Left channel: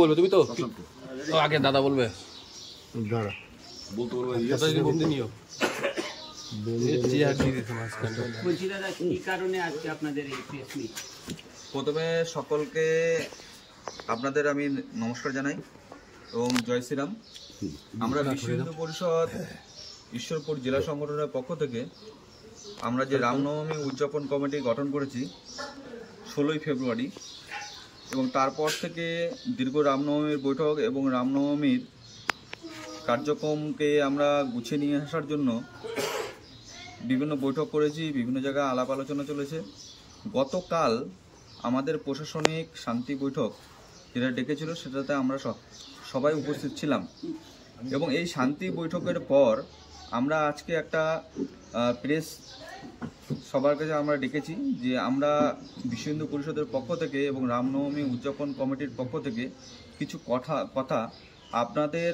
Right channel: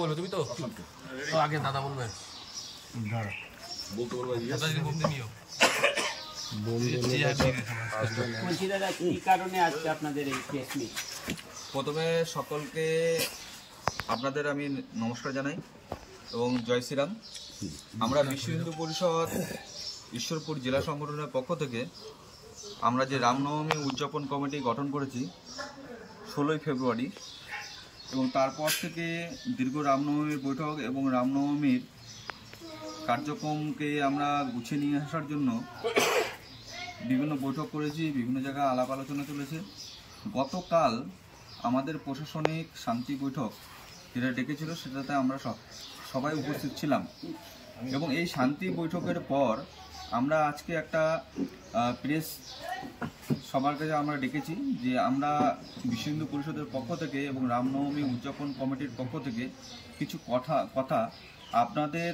বলবে তুমি তো আগে দাদা বলবে প্রথমে সকলকে আপনাদের আমি নমস্কার জানাই এবং জয় শ্রীরাম। আমরা বিশ্ব হিন্দু পরিষদ ঈশ্বরপুর জেলা সংগঠনের পক্ষ থেকে আমরা যে রামনবমী উদযাপন কমিটি গঠন করেছি 16ই ফেব্রুয়ারি, এবং তারপর থেকে দীর্ঘ রামনবমীর বৈঠক এবং রামনবমীর কার্যক্রমকে আমরা গুছিয়ে নিয়ে আসার জন্য বিভিন্ন বৈঠক করেছি, বিভিন্ন জায়গায় আলাপ আলোচনা চলেছে। গতকাল আমাদের প্রশাসনিক শান্তি বৈঠক যেটা ডেকেছিল সেটাতে আমরা সবাই উপস্থিত ছিলাম, এবং এই শান্তি বৈঠকের পর আমরা আজকে একটা প্রেস সবার কাছে আমরা ডেকেছি যে আমরা বিশ্ব হিন্দু পরিষদের পক্ষ থেকে এবং রামনবমী উদযাপন কমিটির পক্ষ থেকে কিছু কথা আপনাদের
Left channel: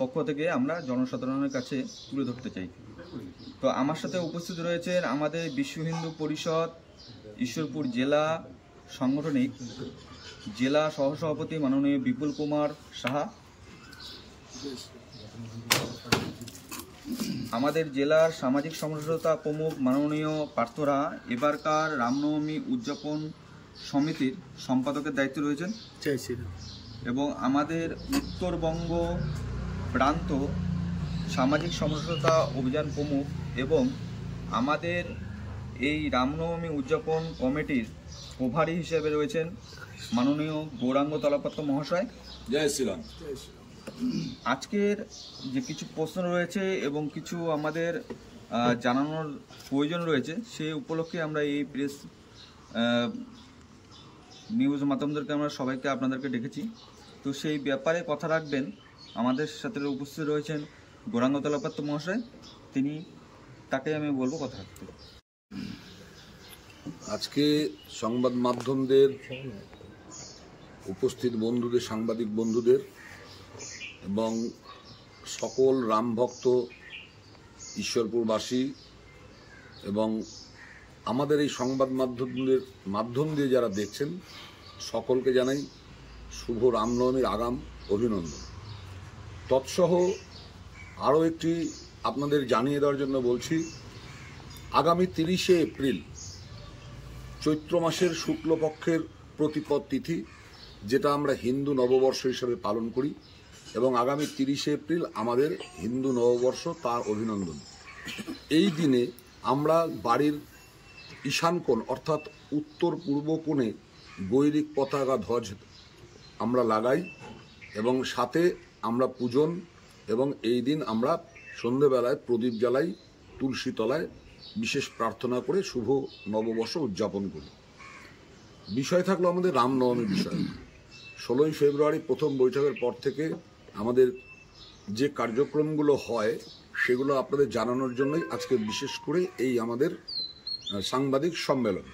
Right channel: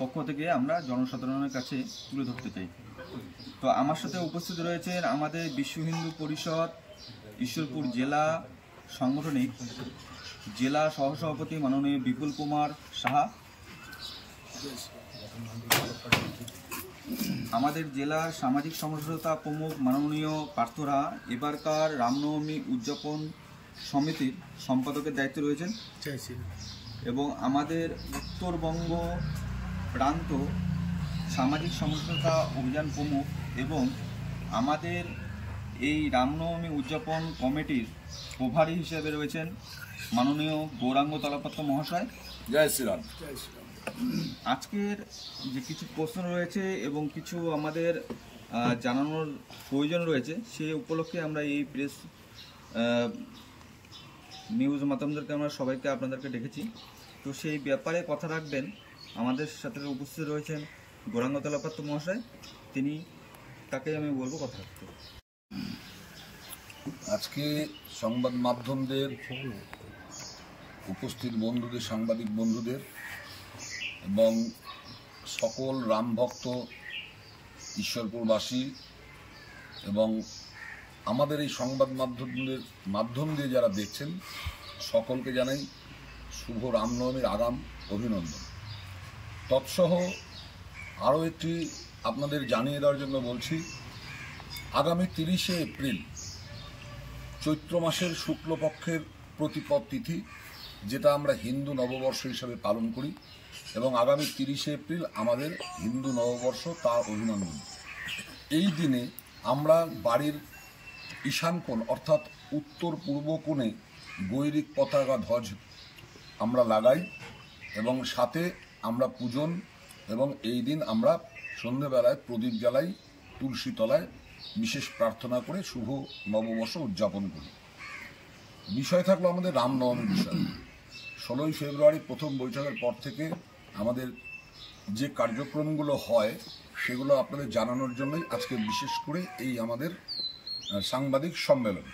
পক্ষ থেকে আমরা জনসাধারণের কাছে তুলে ধরতে চাই। তো আমার সাথে উপস্থিত রয়েছেন আমাদের বিশ্ব হিন্দু পরিষদ ঈশ্বরপুর জেলা সাংগঠনিক জেলা সহসভাপতি মাননীয় বিপুল কুমার সাহা, আমাদের জেলার সামাজিক সমঝোতা প্রমুখ মাননীয় পার্থরা এবারকার রামনবমী উদযাপন সমিতির সম্পাদকের দায়িত্বে রয়েছেন, এবং আমাদের উত্তরবঙ্গ প্রান্ত সামাজিক সমঝোতা অভিযান প্রমুখ এবং আমাদের এই রামনবমী উদযাপন কমিটির প্রভারী হিসেবে রয়েছেন মাননীয় গৌরাঙ্গ তলাপাত্র মহাশয়। জয় শ্রীরাম। আজকের যে কিছু প্রশ্ন রয়েছে এবং কিছু আমাদের জানানোর প্রয়োজন রয়েছে, সেই উপলক্ষে আমরা এই প্রেস নিউজ মাধ্যমদেরকে আমরা সবাইকে আপনাদেরকে ডেকেছি। তো সেই ব্যাপারে কথা রাখবেন আমাদের সাথে উপস্থিত রয়েছেন গৌরাঙ্গ তলাপাত্র মহাশয়, তাকে আমি বলবো কথা রাখতে। আজকে সংবাদ মাধ্যমদের উপস্থিত বন্ধুদের, সাংবাদিক বন্ধুদের এবং সকল রামভক্ত ঈশ্বরপুরবাসী এবং আমাদের এই সংবাদ মাধ্যম দিয়ে যারা দেখছেন সকলকে জানাই শুভ রামনবমীর আগাম অভিনন্দন। তৎসহ আরও একটি আপনাদের জানিয়ে দেওয়ার জন্য বলছি, আগামী 30শে এপ্রিল চৈত্র মাসের শুক্লপক্ষের প্রতিপদ তিথি, যেটা আমরা হিন্দু নববর্ষ হিসাবে পালন করি, এবং আগামী 30শে এপ্রিল আমাদের হিন্দু নববর্ষ, তার অভিনন্দন। এই দিনে আমরা বাড়ির ঈশান কোণ অর্থাৎ উত্তর পূর্ব কোণে গৈরিক পতাকা ধ্বজ আমরা লাগাই এবং সাথে আমরা পূজন, এবং এই দিন আমরা সন্ধেবেলায় প্রদীপ জ্বালাই, তুলসী তলায় বিশেষ প্রার্থনা করে শুভ নববর্ষ উদযাপন করি। বিষয় থাকলো আমাদের রামনবমী বিষয়। 16ই ফেব্রুয়ারি প্রথম বৈঠকের পর থেকে আমাদের যে কার্যক্রমগুলো হয় সেগুলো আপনাদের জানানোর জন্যই আজকে বিশেষ করে এই আমাদের সাংবাদিক সম্মেলন।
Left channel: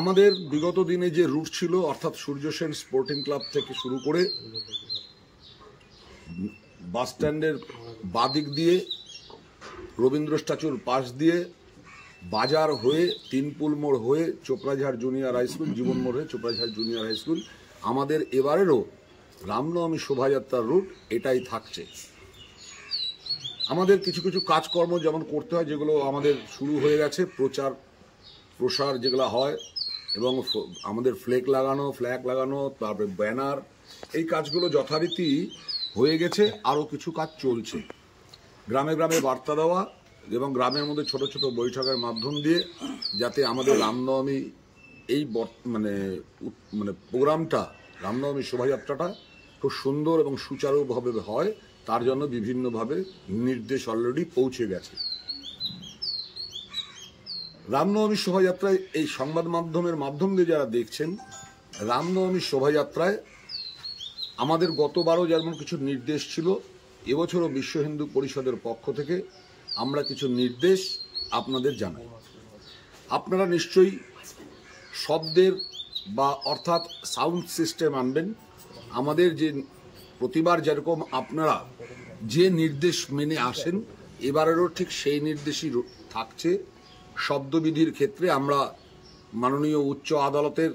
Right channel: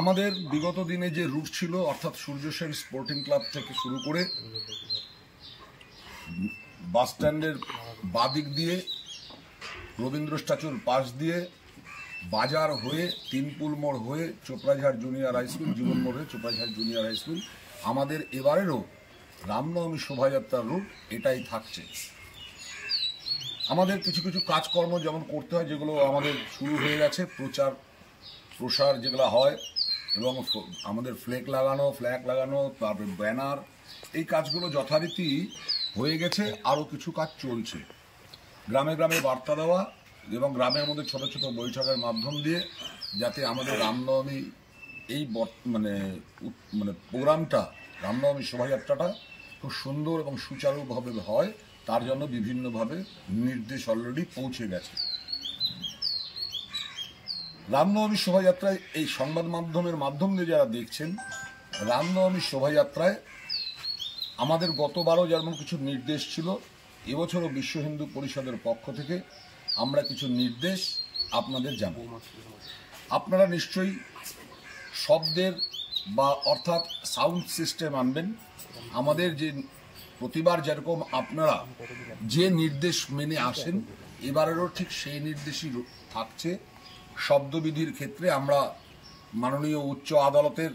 আমাদের বিগত দিনে যে রুট ছিল, অর্থাৎ সূর্য সেন স্পোর্টিং ক্লাব থেকে শুরু করে বাস স্ট্যান্ডের বাদিক দিয়ে রবীন্দ্র স্ট্যাচুর পাশ দিয়ে বাজার হয়ে তিনপুল মোড় হয়ে চোপড়াঝাড় জুনিয়র হাই স্কুল, জীবন মোড় হয়ে চোপড়াঝাড় জুনিয়র হাই স্কুল, আমাদের এবারেরও রামনবমী শোভাযাত্রার রুট এটাই থাকছে। আমাদের কিছু কিছু কাজকর্ম যেমন করতে হয়, যেগুলো আমাদের শুরু হয়ে গেছে, প্রসার যেগুলো হয়, এবং আমাদের ফ্ল্যাগ লাগানো, তারপরে ব্যানার, এই কাজগুলো যথারীতি হয়ে গেছে। আরও কিছু কাজ চলছে, গ্রামে গ্রামে বার্তা দেওয়া এবং গ্রামের মধ্যে ছোট ছোট বৈঠকের মাধ্যম দিয়ে যাতে আমাদের রামনবমী এই মানে প্রোগ্রামটা, রামনবমী শোভাযাত্রাটা খুব সুন্দর এবং সুচারুভাবে হয়, তার জন্য বিভিন্নভাবে নির্দেশ অলরেডি পৌঁছে গেছে। রামনবমী শোভাযাত্রায় এই সংবাদ মাধ্যমের মাধ্যম দিয়ে যারা দেখছেন, রামনবমী শোভাযাত্রায় আমাদের গতবারও যেমন কিছু নির্দেশ ছিল, এবছরও বিশ্ব হিন্দু পরিষদের পক্ষ থেকে আমরা কিছু নির্দেশ আপনাদের জানাই। আপনারা নিশ্চয়ই শব্দের বা অর্থাৎ সাউন্ড সিস্টেম আনবেন। আমাদের যে প্রতিবার যেরকম আপনারা যে নির্দেশ মেনে আসেন এবারেরও ঠিক সেই নির্দেশই থাকছে। শব্দবিধির ক্ষেত্রে আমরা মাননীয় উচ্চ আদালতের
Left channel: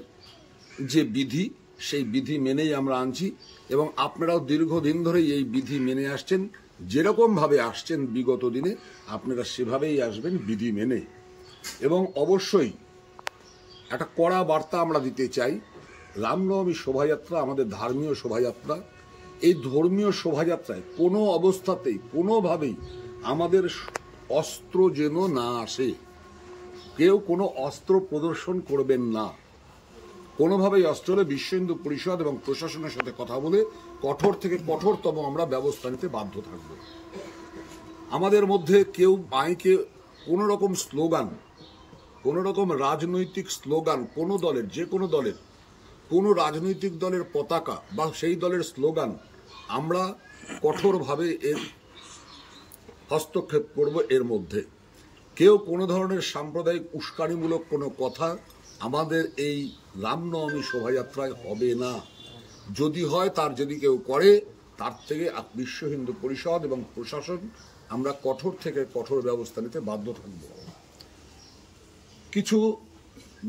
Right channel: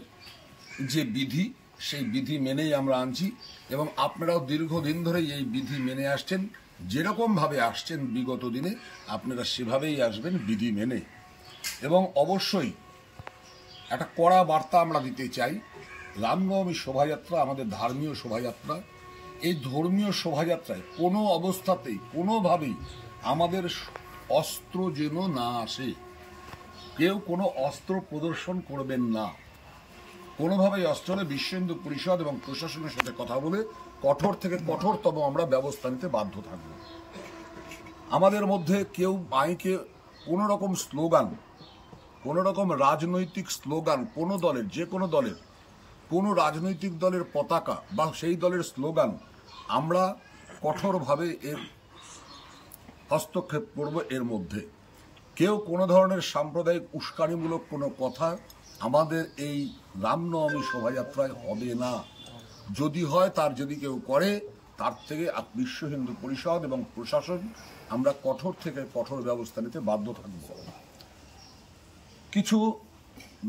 যে বিধি সেই বিধি মেনেই আমরা আনছি এবং আপনারাও দীর্ঘদিন ধরেই এই বিধি মেনে আসছেন। যেরকমভাবে আসছেন বিগত দিনে আপনারা সেভাবেই আসবেন বিধি মেনে। এবং অবশ্যই একটা কড়া বার্তা আমরা দিতে চাই, রামনবমী শোভাযাত্রা আমাদের ধর্মীয় শোভাযাত্রা। এই ধর্মীয় শোভাযাত্রায় কোনো অবস্থাতেই কোনোভাবেই আমাদের অস্ত্র যেন না আসে। কেউ কোনো অস্ত্র প্রদর্শন করবেন না। কোনোভাবেই অস্ত্র হলে বিশ্ব হিন্দু পরিষদ এবং প্রশাসনের সাথে কথা বলে কঠোর থেকে কঠোরতম আমরা ব্যবস্থা নিতে বাধ্য থাকব। আমাদের মধ্যে কেউ মাইকে কোনো রকম স্লোগান, কোনো রকম রাজনৈতিক স্লোগান, কোনো দলের, যে কোনো দলের, কোনো রাজনৈতিক দলের পতাকা বা সেই দলের স্লোগান আমরা কঠোরভাবে এর হস্তক্ষেপ করব। এর মধ্যে কেউ কোনো ধরনের সাম্প্রদায়িক উস্কানিমূলক কোনো কথা আমাদের এই রামনবমী শোভাযাত্রায় হবে না। যদি হয়, তার যদি কেউ করে, তার থেকে বিশ্ব হিন্দু পরিষদ এবং প্রশাসন আমরা কঠোর থেকে কঠোর ব্যবস্থা নিতে বাধ্য থাকব। কিছু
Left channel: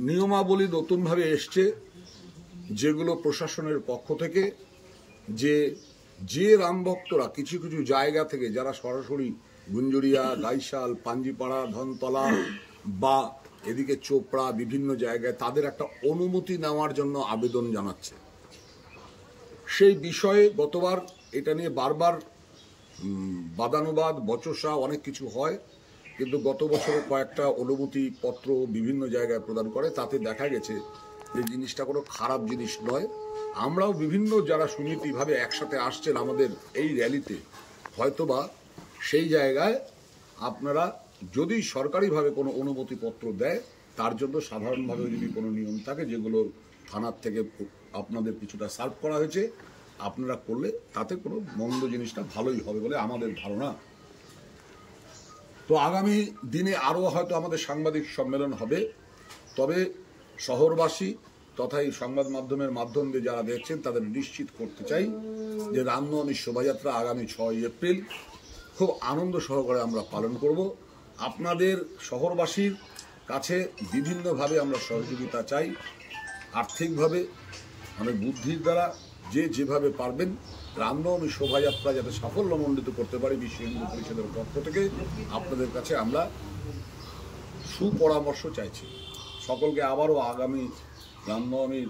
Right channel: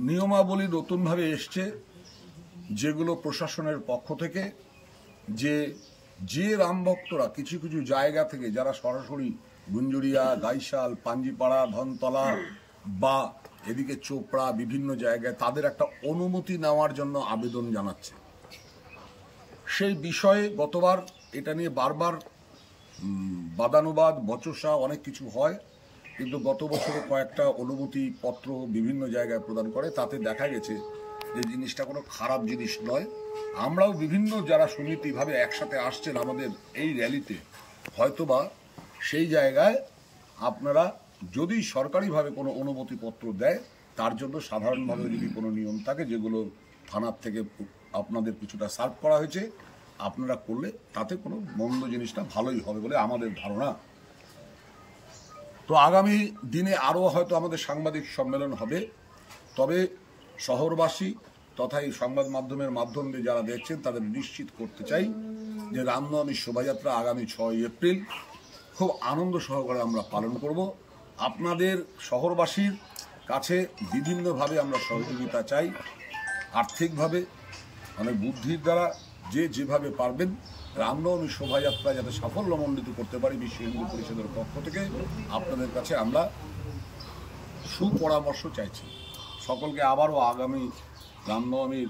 নিয়মাবলী নতুনভাবে এসছে, যেগুলো প্রশাসনের পক্ষ থেকে, যে রামভক্তরা কিছু কিছু জায়গা থেকে যারা সরাসরি গুঞ্জুরিয়া, গাইশাল, পাঞ্জিপাড়া, ধনতলা বা এদিকে চোপড়া বিভিন্ন জায়গায় তাদের একটা অনুমতি নেওয়ার জন্য আবেদন জানাচ্ছে। সেই বিষয়ে গতবার এটা নিয়ে বারবার বাদানুবাদ, বচসা অনেক কিছু হয়, কিন্তু গত বছরে কয়েকটা অনুমতি পত্র বিভিন্ন জায়গায় প্রদান করে। তাতে দেখা গেছে যে জিনিসটা কোনো খারাপ জিনিস নয়। আমরাও বিভিন্ন যারা সমিতিভাবে একসাথে আসছেন আমাদের এই র্যালিতে, হয়তোবা সেই জায়গায় আপনারা যদি সরকারিভাবে কোনো অনুমতিপত্র দেয়, তার জন্য সাধারণভাবে যদি কোনো নিয়ম থাকে যেগুলো থানার থেকে আপনাদের কিছুটা সার্ভ করা হয়েছে, আপনারা করলে তাতে কোনো মন্দ জিনিসটা ভালোই হবে বলে আমাদের ধারণা। তো আগামী দিনে আরও হয়তো আমাদের সাংবাদিক সম্মেলন হবে। তবে শহরবাসী তথা এই সংবাদ মাধ্যমের মাধ্যম দিয়ে যারা দেখছেন তাদের নিশ্চিত করতে চাই যে রামনবমী শোভাযাত্রা আগামী 6 এপ্রিল খুব আনন্দ সহকারে আমরা পালন করব। আপনাদের শহরবাসীর কাছে বিভিন্নভাবে আমরা সহযোগিতা চাই, আর্থিকভাবে, অনেক বুদ্ধির দ্বারা, যে যেভাবে পারবেন রামনবমী শোভাযাত্রা যাতে সাফল্যমণ্ডিত করতে পারি বিশ্ব হিন্দু পরিষদের পক্ষ থেকে আপনাদের কাছে আমরা সুপরামর্শ চাইছি। সকলকে আবারও আগামী রামনবমীর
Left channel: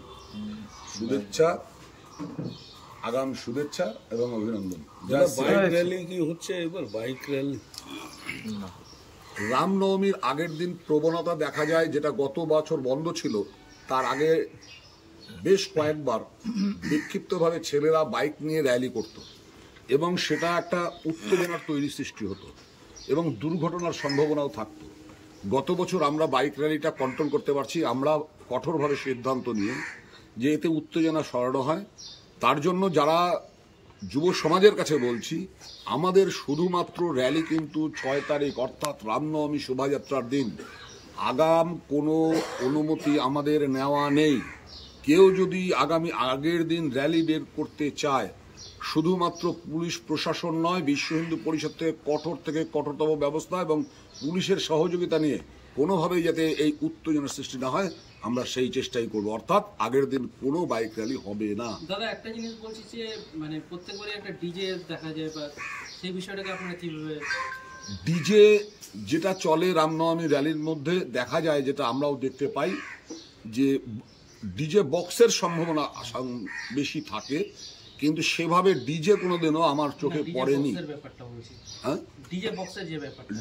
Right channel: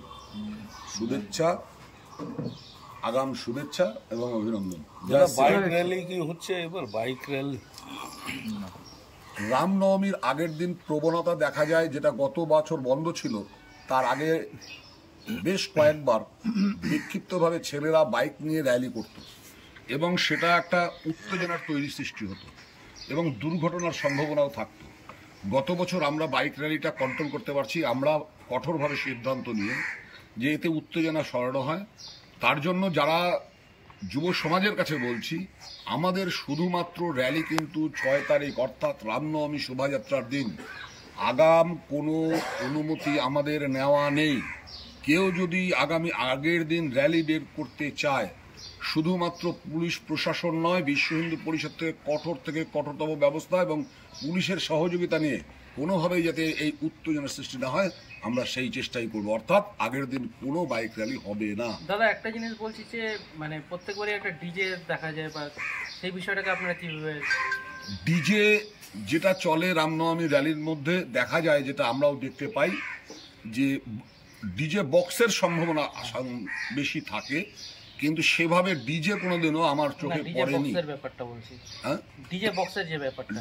শুভেচ্ছা, আগাম শুভেচ্ছা এবং অভিনন্দন। বাইক র্যালি কি হচ্ছে এবার? বাইক র্যালি রামনবমীর আগের দিন প্রবণতা দেখা যায়, যেটা গত বছর বন্ধ ছিল, তার আগে বেশ কয়েকবার বিক্ষিপ্তভাবে ছেলেরা বাইক নিয়ে র্যালি করত এবং সেটা একটা উত্তেজনার তৈরি সৃষ্টি হতো এবং দুর্ঘটনার সম্ভাবনাও থাকতো। গত বছর আমরা বাইক র্যালিটা কন্ট্রোল করতে পারছি, আমরা কঠোরভাবে সিদ্ধান্ত নিয়ে যে এতে উত্তেজনা সরানো হয়। তার জন্য যারা যুব সমাজের কাছে বলছি, আমাদের শুধুমাত্র র্যালি কিন্তু 6 তারিখ অর্থাৎ রামনবমী শোভাযাত্রার দিন আগাম কোনো অনুমতি আমাদের নেওয়া নেই। কেউ যদি আগের দিন র্যালি বের করতে চায়, শুধুমাত্র পুলিশ প্রশাসন নয়, বিশ্ব হিন্দু পরিষদ থেকে কঠোরতম ব্যবস্থা এবং পুলিশের সহযোগিতা নিয়ে কোনোভাবেই যাতে এই উত্তেজনার সৃষ্টি না হয়, আমরা সেই চেষ্টাই করব। অর্থাৎ আগের দিন কোনো বাইক র্যালি হবে না। দাদা, একটা জিনিস বলছি যে মানে প্রত্যেকবারই একটা ডিজে দেখা যায়, বা সেই বিষয়টাকে আপনারা কিভাবে? ডিজে যেটা চলে রামনবমী র্যালির মধ্যে দেখা যায়, যেটা আমরাও দেখতে পাই, যে ডিজে বক্সের সম্ভাবনা বেশি থাকে, কিন্তু সেভাবে ডিজে কোনোদিনও আমার চোখে পড়েনি। হ্যাঁ,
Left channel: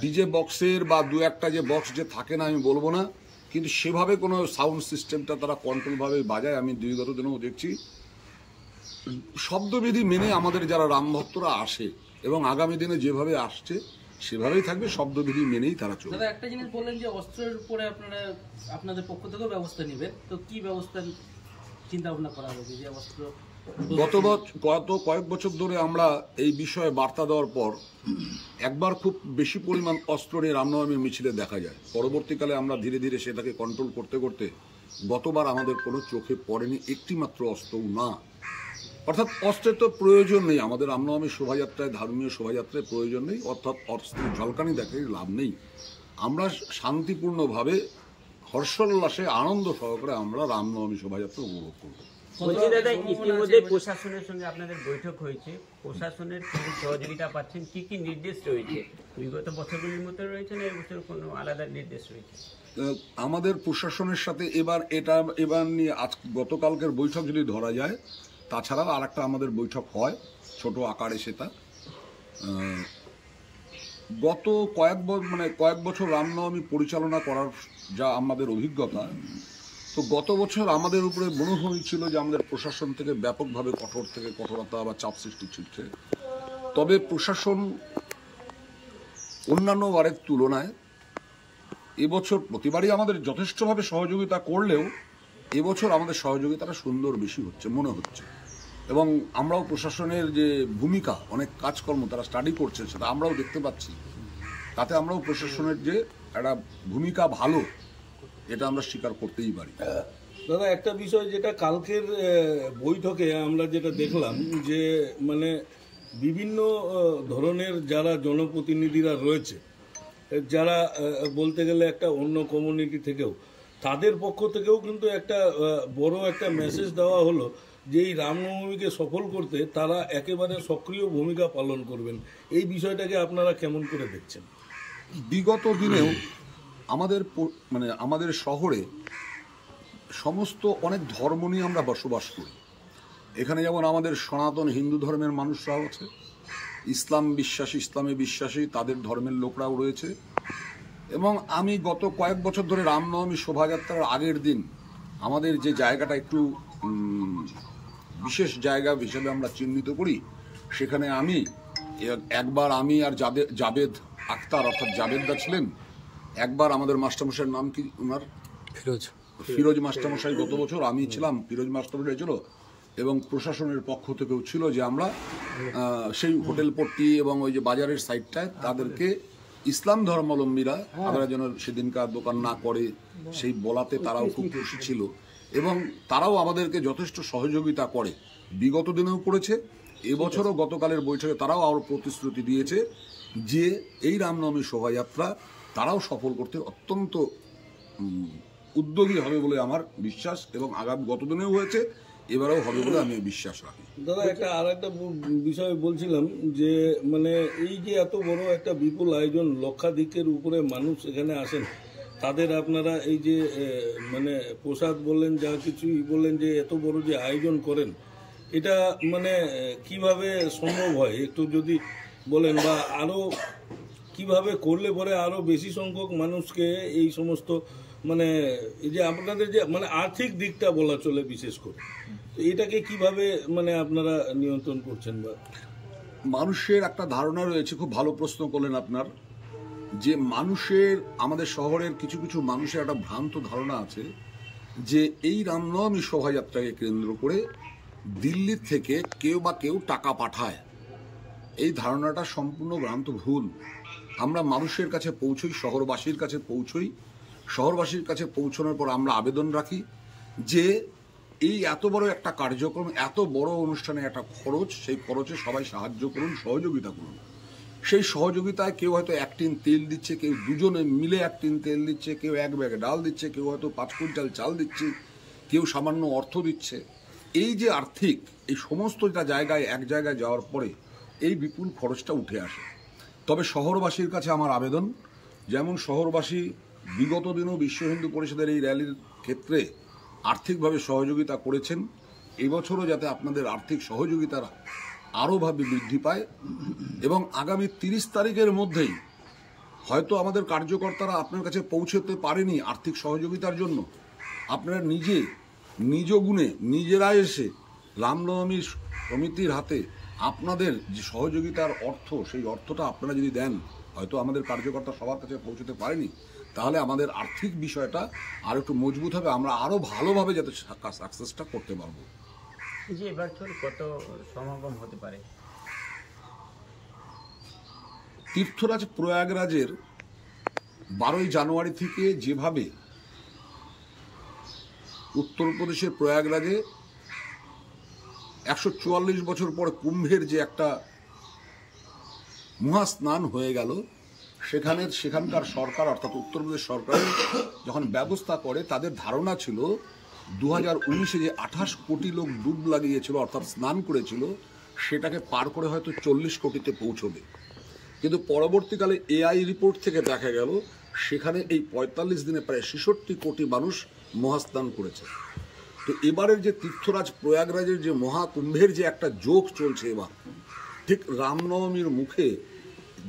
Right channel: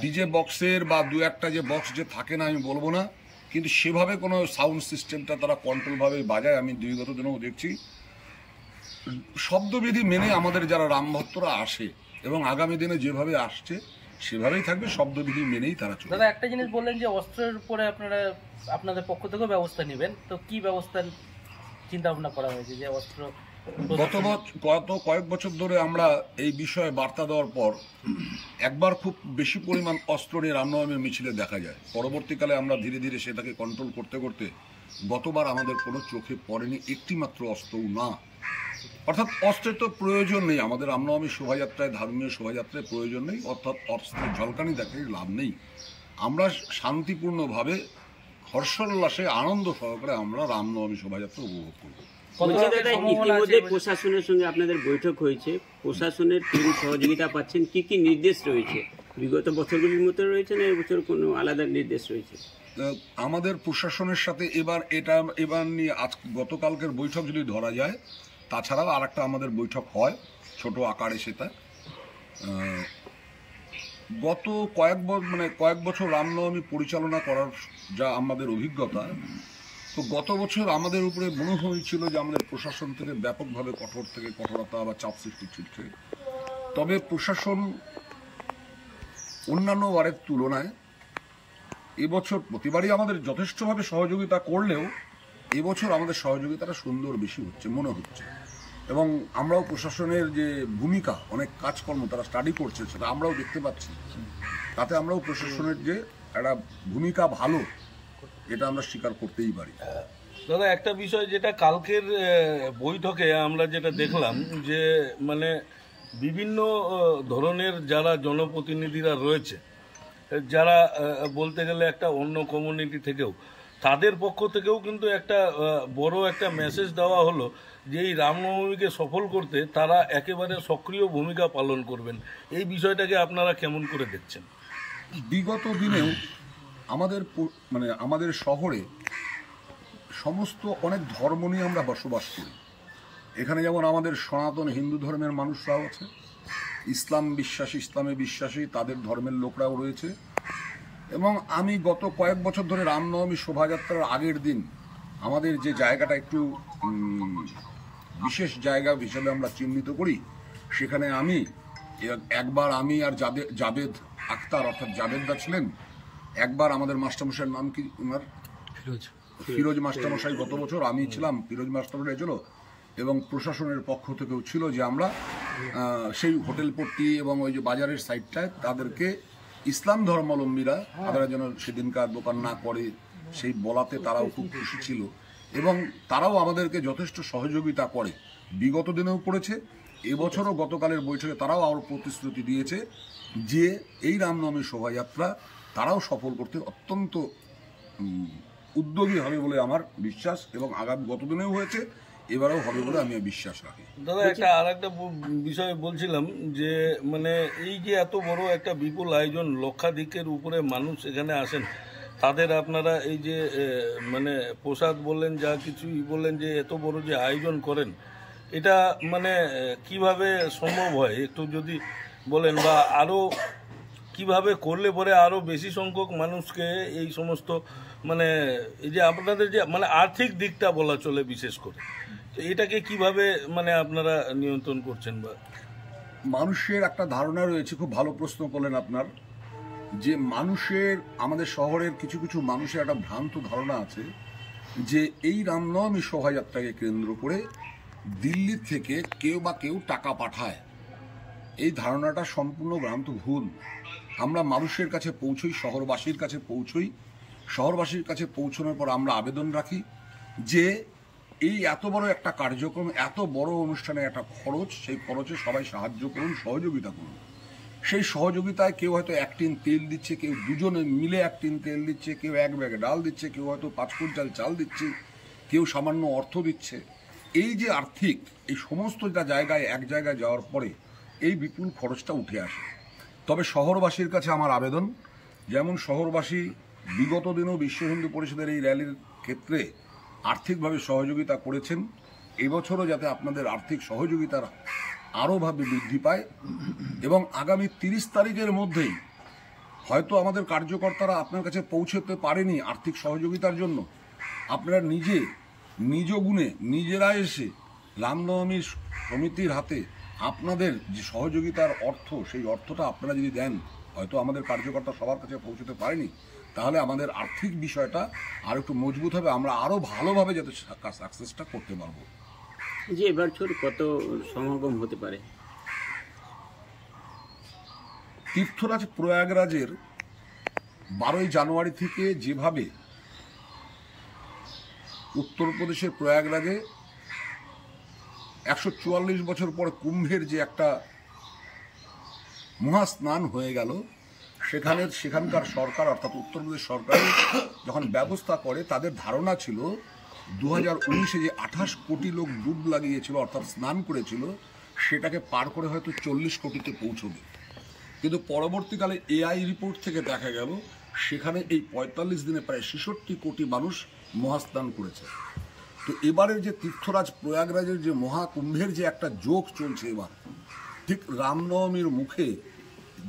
ডিজে বক্সের বা দু একটা যে বক্স যে থাকে না আমি বলবো না, কিন্তু সেভাবে কোনো সাউন্ড সিস্টেমটা তারা কন্ট্রোলভাবে বাজায় আমি বিগত দিনেও দেখছি। শব্দবিধি মেনে আমাদের যারা রামভক্তরা আসে এবং আগামী দিনে যেভাবে আসছে সেভাবেই থাকবে, শব্দবিধি মেনেই তারা চলবে। দাদা, একটা জিনিস বললেন যে অস্ত্রের উপরে আপনারা আপনাদের পক্ষ থেকেও ব্যবস্থা নেবেন, তো কি ব্যবস্থা চিন্তা ভাবনা করা হয়েছে? যে অস্ত্র গত কয়েক বছর ধরে আমরা এই বিষয়ে বার্তা দেওয়ার পর একবার খুব বেশি পরিমাণ অস্ত্র নিয়ে রামনবমীর মিছিলে দেখা যায়। পরবর্তীকালে আমরা ধীরে ধীরে সেটাকে কন্ট্রোল করতে করতে গতবার আমাদের কোনো চোখে পড়েনি একটি মাত্র অস্ত্রও না। অর্থাৎ অস্ত্রের তো প্রয়োজন নেই আমাদের রামনবমী শোভাযাত্রায়, ধর্মীয় শোভাযাত্রায় প্রয়োজন নেই, অর্থাৎ অস্ত্রের ঝলকানি দেখে লাভ নেই। আমরা শান্তিপূর্ণভাবে হর্ষোল্লাসে আনন্দ সহকারে আমরা রামনবমী শোভাযাত্রা উপভোগ করব। বলছি দাদা, ইতিমধ্যে প্রশাসনের সঙ্গে আপনাদের বৈঠক হয়েছে, প্রশাসনের তিনি সহযোগিতা পাচ্ছেন, কি কি নির্দেশ রয়েছে? বিগত বছরগুলির মতো রয়েছে না এবছর কোনো আলাদা নির্দেশ রয়েছে? আমাদের প্রশাসনের সাথে এবার নিয়ে গতকালকের বৈঠক যদি ধরা যায়, তাছাড়াও আর একটা আমাদের বৈঠক হয় ছোট আকারে, সেটা গত কয়েক বছর রামনবমী পরিচালনা করার যা আমাদের অভিজ্ঞতা, তো গত বছর আমাদের উপরে মনে হয়েছিল যে আমাদের প্রশাসন থেকে ব্যাপকভাবে কঠোরতা বা চাপ সৃষ্টি ছিলছে। তবে প্রশাসন অন্যান্য বারের তুলনায় এবছর প্রতিবারই আমাদের যথেষ্টভাবে সহযোগিতা করলেও এবছর আমাদের সহযোগিতাটা সুন্দর বেশি হচ্ছে মনে হচ্ছে। এবং আমরাও প্রশাসনের যে ভূমিকা, অনেক কাজকর্ম তারা স্টাডি করছে, সেটা আমরাও দেখতে পাচ্ছি। তাতে আমরাও প্রশাসনের যে একটা ভূমিকা ভালো, এটা আমরা স্বীকার করতেই পারি। দাদা, একটা বিষয় যেটা কালকের বৈঠকে আমরা যেটা দেখলাম, যে মানে বিভিন্ন ধরনের যারা জনপ্রতিনিধিরা রয়েছে, যারা বলতে গেলে একটা অন্য কমিউনিটি থেকেও, তাদের পক্ষ থেকেও কিন্তু একটা বড় একটা মেসেজ দেওয়া হলো যে এই রামনবমীকে সফল করতে তারা একেবারে সক্রিয় ভূমিকা পালন করবেন। এই বিষয়টাকে আপনারা কেমন করে দেখছেন? বিগত দিনেও আমাদের শহরে সমস্ত অনেক ধর্ম নিয়ে আমরা বসবাস করি। এখানে যেমন আমাদের সনাতন হিন্দু ধর্মের মানুষরাও আছে, ইসলামে বিশ্বাসী তাদের ধর্মের লোকরাও রয়েছে। এবং আমি গত কয়েক বছর ধরে রামনবমী শোভাযাত্রার আগের দিন আমাদের যে জায়গাটা একটু বিশেষ জায়গা হিসেবে আমরা চিহ্নিত করি, সেখানে একবার আমি আর জাবেদ আক্তার অর্থাৎ জাবেদদা ছিলেন, একবার আমাদের মাস্টারমশাইয়ের নাম কি ওনার, ফিরোজ মাস্টারমশাই গত বছর, আমি ছিলাম, ফিরোজ মাস্টারমশাই ছিল, এবং প্রশাসনের পক্ষ থেকেও ছিল যে আমরা সেই হোটেল পট্টি এবং ওই যে বাজারের সাইডটায় তাদেরকে ইসলাম ধর্মাবলম্বীরা তারা যেন সেদিনকার দোকান না করে সেই বলাতে তারাও খুব খুশি ছিল। এবং তারাও আমাদেরকে যথেষ্ট সহযোগিতা করে, বিগত দিনেও করেছে, এবছরও গতকালের বৈঠকে তারাও আরও প্রতিশ্রুতি দিয়েছে যে এই রামনবমী শোভাযাত্রা তারাও সফল করতে অত্যন্ত উদ্যোগী হবে বলে আমার বিশ্বাস, এবং আগামী গতদিনেও হয়েছে, এবারেও হবে বলে আমি বিশ্বাস রাখি। দাদা, আর একটা বিষয় বলছিলাম যে মানে এই যে এত বড় একটা বিপুল আয়োজন, লক্ষাধিকের উপরে মানুষ এখানে আসেন, তাদের আপনারা এই যে মানে প্রসাদ বললেন, যা কিছুই বললেন, যে এত বড় যে আয়োজন করেন, এটা মানে কিভাবে সম্ভব হয় একটু যদি বলেন, বা আরও কিভাবে করলে পরে আরও বেশি সংখ্যক মানুষকে এই সমস্ত মানে এই যে আপনাদের যে মানে আর্থিক দিকটা বলা চলে বিশেষ করে, তো এটাকে কিভাবে মানে আপনারা নিয়ন্ত্রণ করছেন? বা মানুষের একটা ধারণা রয়েছে, খুব ভালো প্রশ্ন করলেন আপনার, যে আমাদের শহরের কিছু কিছু মানুষের একটা ভ্রান্ত ধারণা আছে যে এই রামনবমী শোভাযাত্রাকে কেন্দ্র করে দিল্লির থেকে কেউ টাকা পাঠায়। এই ধারণাটা সম্পূর্ণ ভ্রান্ত, ভুল। আমরা মানুষের কাছে পৌঁছই, শহরবাসীর কাছে পৌঁছই, শহরবাসীর কাছে পৌঁছানোর পর আমরা আবেদন রাখি যে এই এত বড় একটা কার্যক্রম, এত বড় অনুষ্ঠানে একটা খরচ, সেই খরচে সবাই সাহায্য করুন, সহযোগিতা করুন। সেই সহযোগিতায় কেউ হয়তো 1 টিন তেল দিচ্ছে, কেউ দুজনে মিলে 1 টিন তেল দিচ্ছে, কেউ 1 ব্যাগ ডাল দিচ্ছে, কেউ হয়তো 5 কুইন্টাল চাল দিচ্ছে, কেউ সামান্য অর্থ দিচ্ছে। এই যে আর্থিক, এই সমস্ত জায়গায় এক জায়গায় যাওয়ার পরে এই বিপুল খরচটা উঠে আসে। তবে শহরবাসীর কাছে আমার আবেদন, যেমন শহরবাসী বিগত দিনেও বিশ্ব হিন্দু পরিষদের এই র্যালির ক্ষেত্রে আর্থিকভাবে সহযোগিতা করেছেন, এবছরও যাতে আপনাদের আর্থিক সহযোগিতার আরও ভাবে বৃদ্ধি পায়। এবং আগামী 30 তারিখের মধ্যেই হয়তো আমাদের কার্যকর্তারা আপনার কাছে পৌঁছতে পারেনি আর্থিক সহযোগিতার জন্য, আপনারা নিজ গুণে নিজেরা এসে রামনবমী সমিতির হাতে আপনাদের যে সহযোগিতার অর্থ, সেই অর্থটা আপনারা যদি দেন, হয়তো আমাদের কার্যকর্তা সবার কাছে পৌঁছতে পারেনি, তাহলে আমাদের আর্থিক বিষয়টা আর একটু মজবুত হবে, আমরা আরও ভালোভাবে যাতে সাকসেসটা করতে পারবো। যে এবার কত সমাগম হতে পারে? তীর্থরাজ প্রয়াগরাজের 12ই জানুয়ারি থেকে যেভাবে উত্তরপ্রদেশের প্রয়াগরাজে 144 বছর পর কুম্ভের যে একটা মহাস্নান হয়ে গেল, সেখানকার সরকার অর্থাৎ উত্তরপ্রদেশ সরকার যখন ব্যবস্থা করে, তাদের ধারণা ছিল 2019-এ যে 28 কোটি লোক ডুব লাগিয়েছিল অর্থাৎ স্নান করেছিল, সেটাকে পার করে হয়তো 40 কোটিতে পৌঁছবে। কিন্তু পরবর্তীকালে এআই রিপোর্ট থেকে দেখা গেল সেখানে এই 45 দিনে প্রায় 66 কোটি মানুষ মহাস্নান করেছে। তো এবারের যে তীর্থরাজ প্রয়াগরাজের যে মহাকুম্ভের যে একটা যোগ চলছে এবার, ঠিক রামনবমীর মুখে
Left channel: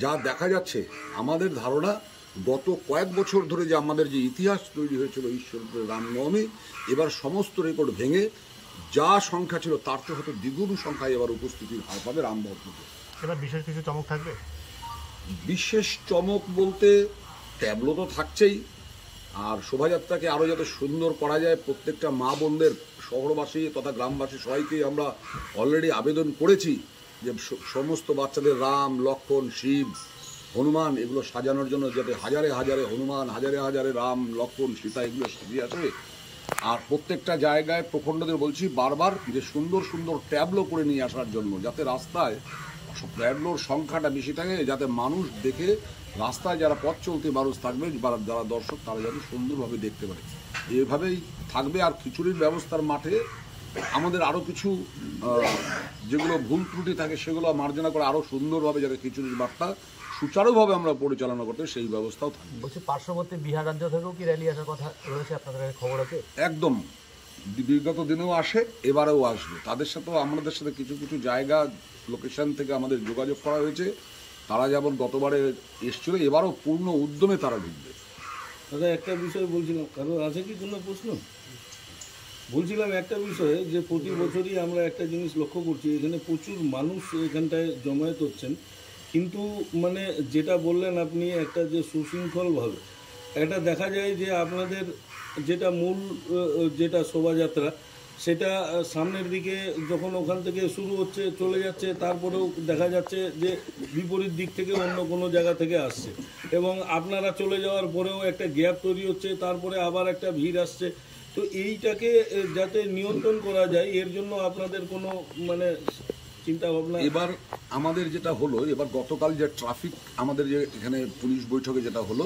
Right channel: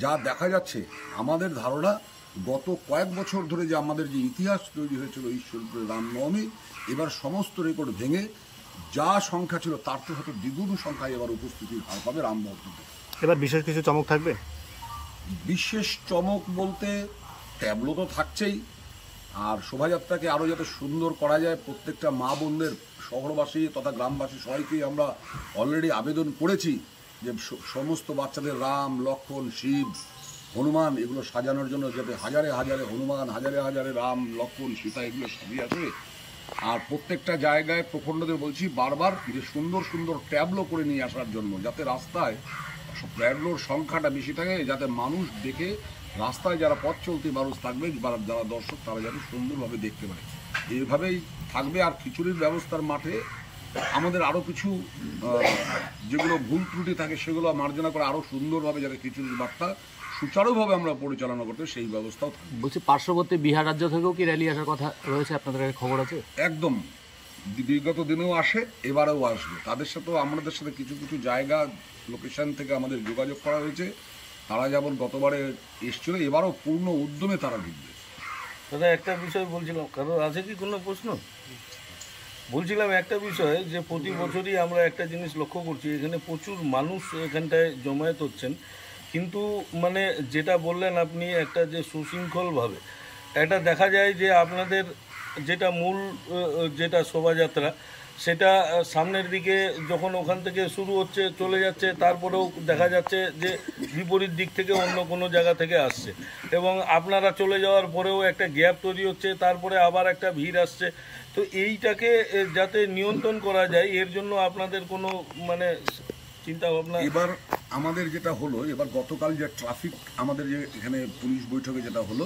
যা দেখা যাচ্ছে, আমাদের ধারণা গত কয়েক বছর ধরে যে আমাদের যে ইতিহাস তৈরি হয়েছিল ঈশ্বরপুরে রামনবমী, এবার সমস্ত রেকর্ড ভেঙে যা সংখ্যা ছিল তার তো হয়তো দ্বিগুণ সংখ্যায় এবার উপস্থিতির হার পাবে রাম ভক্তদের। এবার বিশেষ কিছু চমক থাকবে? বিশেষ চমক বলতে ট্যাবলো তো থাকছেই, আর শোভাযাত্রাকে আরও যাতে সুন্দর করা যায়, প্রত্যেকটা মা বোনদের, শহরবাসী তথা গ্রামবাসী সবাইকেই আমরা অলরেডি আবেদন করেছি যে সমস্ত বাচ্চাদের রাম, লক্ষ্মণ, শিব, হনুমান এগুলো সাজানোর জন্য, যাতে হাজারে হাজারে হনুমান, হাজারে হাজারে রাম, লক্ষ্মণ, সীতা এগুলো সাজিয়ে আসে। আর প্রত্যেকটা জায়গায় প্রখণ্ডদের বলছি বারবার যে সুন্দর সুন্দর ট্যাবলো করে নিয়ে আসার জন্য, যাতে রাস্তায় ট্যাবলোর সংখ্যাটা বেশি থাকে, যাতে মানুষ দেখে, রাস্তায় যারা পথ চলতি মানুষ থাকবে, যারা দর্শক, তারা যেন সুন্দরভাবে দেখতে পারে। এইভাবেই থাকবে। আর খিচুড়ির ব্যবস্থার মাঠে আমাদের আরও কিছু যেগুলো ভুল ত্রুটি থাকে সেগুলো মার্জনা করে আরও সুন্দরভাবে যাতে খিচুড়ির বার্তা সুচারুভাবে আমরা পরিচালনা করতে, সেই ব্যবস্থাও থাকবে। বলছি পার্শ্ববর্তী বিহার রাজ্য থেকেও কি র্যালি আসার কথা রয়েছে? আপনাদের খবর আছে? একদম, বিগত দিনেও আসে, এবারেও আসবে। তাদের সাথেও আমাদের সাথে কিছু কিছু জায়গা লোকেশন থেকে আমাদের যোগাযোগ করা হয়েছে। তারা যেমন গতবারে এসেছিল, এবারও পূর্ণ উদ্যমে তারা ঢুকবে। দাদা একটা বিষয় বলছিলাম, কারো আছে কি কোনো প্রশ্ন? বলছিলাম একটা বিষয় যে প্রতি বছরই আমরা একটা জিনিস লক্ষ্য করছি, এখানে প্রচুর মানুষ এখানটায় জমায়েত হচ্ছেন, কিন্তু মানে যেটা বললেন আপনি, একটা যে সুশৃঙ্খলভাবে এটা দেখা যায় যে আপনাদের যেটা মূল যেটা শোভাযাত্রা, সেটা সামনের দিকে যখন ওখান থেকে শুরু হচ্ছে চলে যাচ্ছে, তারপরেও দেখা যাচ্ছে যে বিপরীত দিক থেকে অন্য কোনো জায়গা থেকে আসছে, এবং আপনারা চলে যাওয়ার পরেও একটা গ্যাপ তৈরি হচ্ছে, তারপরে আবার একটা ভিড় আসছে। তো এইটাকে যাতে নিয়ন্ত্রণ করা যায়, এর জন্য আপনাদের কোনো মানে চিন্তা ভাবনা? এবার আমাদের যেটা হলো, এবার গতকাল যে ট্রাফিক আমাদের যে এখানে পুলিশ বৈঠকে যেটা হলো,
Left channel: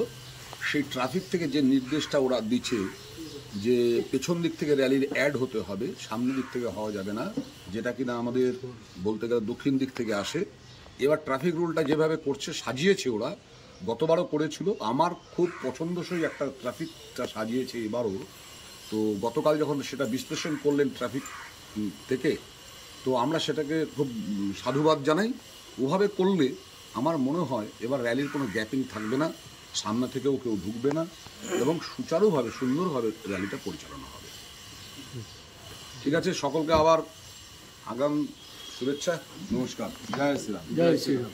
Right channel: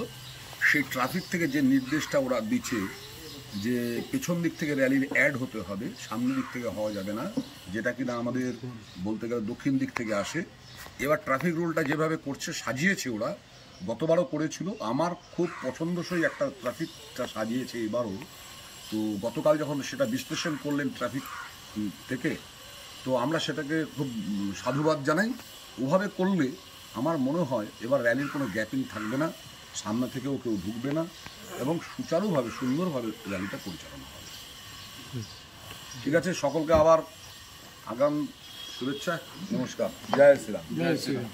সেই ট্রাফিক থেকে যে নির্দেশটা ওরা দিচ্ছে যে পেছন দিক থেকে র্যালির অ্যাড হতে হবে, সামনের দিক থেকে হওয়া যাবে না, যেটা কিনা আমাদের বলতে গেলে দক্ষিণ দিক থেকে আসে। এবার ট্রাফিক রুলটা যেভাবে করছে, সাজিয়েছে ওরা, গতবারও করেছিল, আমার খুব পছন্দসই একটা ট্রাফিকটা সাজিয়েছে এবারও। তো গতকাল যখন সেটা বিশ্লেষণ করলেন ট্রাফিক থেকে, তো আমরা সেটাকে খুব সাধুবাদ জানাই। ওভাবে করলে আমার মনে হয় এবার র্যালির কোনো গ্যাপিং থাকবে না, সামনে থেকেও কেউ ঢুকবে না, এবং সুচারুভাবে সুন্দরভাবে র্যালিটা পরিচালনা হবে। ঠিক আছে, সকলকে আবার আগাম শুভেচ্ছা, নমস্কার, জয় শ্রীরাম। জয় শ্রীরাম।